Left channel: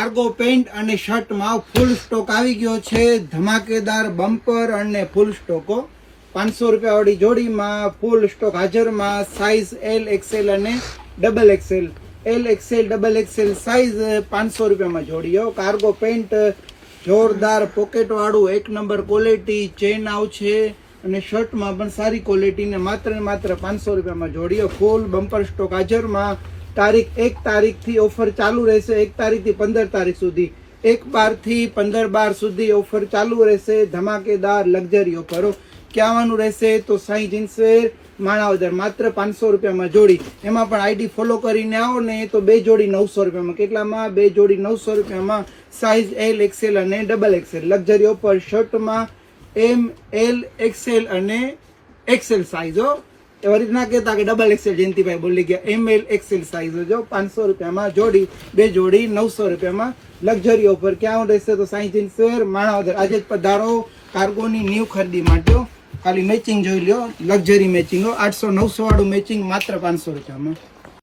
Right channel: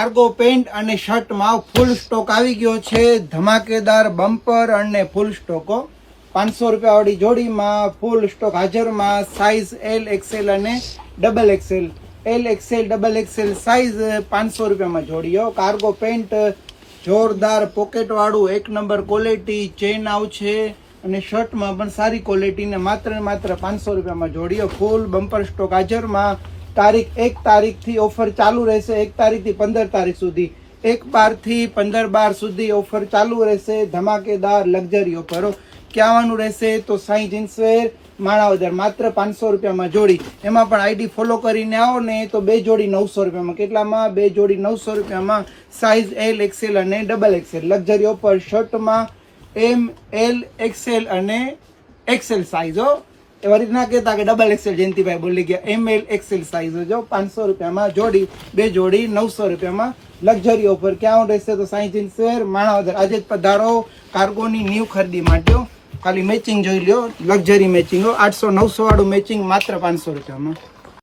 Cargo pant અને શર્ટમાં ફૂલ stock આવી ગયો છે. ધમાકેદાર બમ્પર અને ફૂલ સ્ટોકો 500 રૂપિયા વાળી જોડીમાં ફૂલ સ્ટોક હાજરમાં. સાઇઝ એલ એક્સેલ અને double Excel. L XL double XL size 500 રૂપિયામાં જોડીઓ. કાર્ગો પેન્ટ જોરદાર પોકેટ વાળું એક નંબર ક્વોલિટી, ચેન આવશે અને શર્ટમાં પણ સારી ક્વોલિટી ને માત્ર 500 રૂપિયામાં જોડીઓ. ફૂલ બમ્પર સ્ટોક હાજરમાં. તારીખ 1 તારીખથી ઓફર ચાલુ રહેશે, 1 તારીખથી 15 તારીખ સુધી, 1/12 થી 15/12 સુધી ઓફર ચાલુ રહેશે. ધમાકેદાર લક્ઝરી ઓફરો. ક્યાંવાનું રહેશે તો સાઈ જીન્સવેર માણાવદર, માત્ર 500 રૂપિયામાં જોડી. એમાં પણ આઈડી ફોલો કરીને આવો ને તો 2 જોડી 900 રૂપિયામાં. કેટલામાં? 2 જોડી 900 રૂપિયામાં. સાઇઝ એલ એક્સેલ અને ડબલ એક્સેલ. લક્ઝરી ઓફર શર્ટમાં એમ એલ એક્સેલ અને એક્સેલ સાઇઝો. એવી રીતના કહેતા કે ડબલ એક્સેલ. જયંતિભાઈ બોલી ગયા. એમ એલ એક્સેલ સાઇઝ જો 500 રૂપિયામાં જોડી, 2 જોડી 900 રૂપિયામાં. લક્ઝરી ઓફર ક્યાં રહેશે તો સાઈ જીન્સવેર માણાવદર. આજે જ પધારો કાર્ગોની ન્યૂ ખરીદી માટે. ખાલી મેચિંગ જોઈ લો, લક્ઝરી મેચિંગ 800-900 વાળું મેચિંગ માત્ર 500 રૂપિયામાં.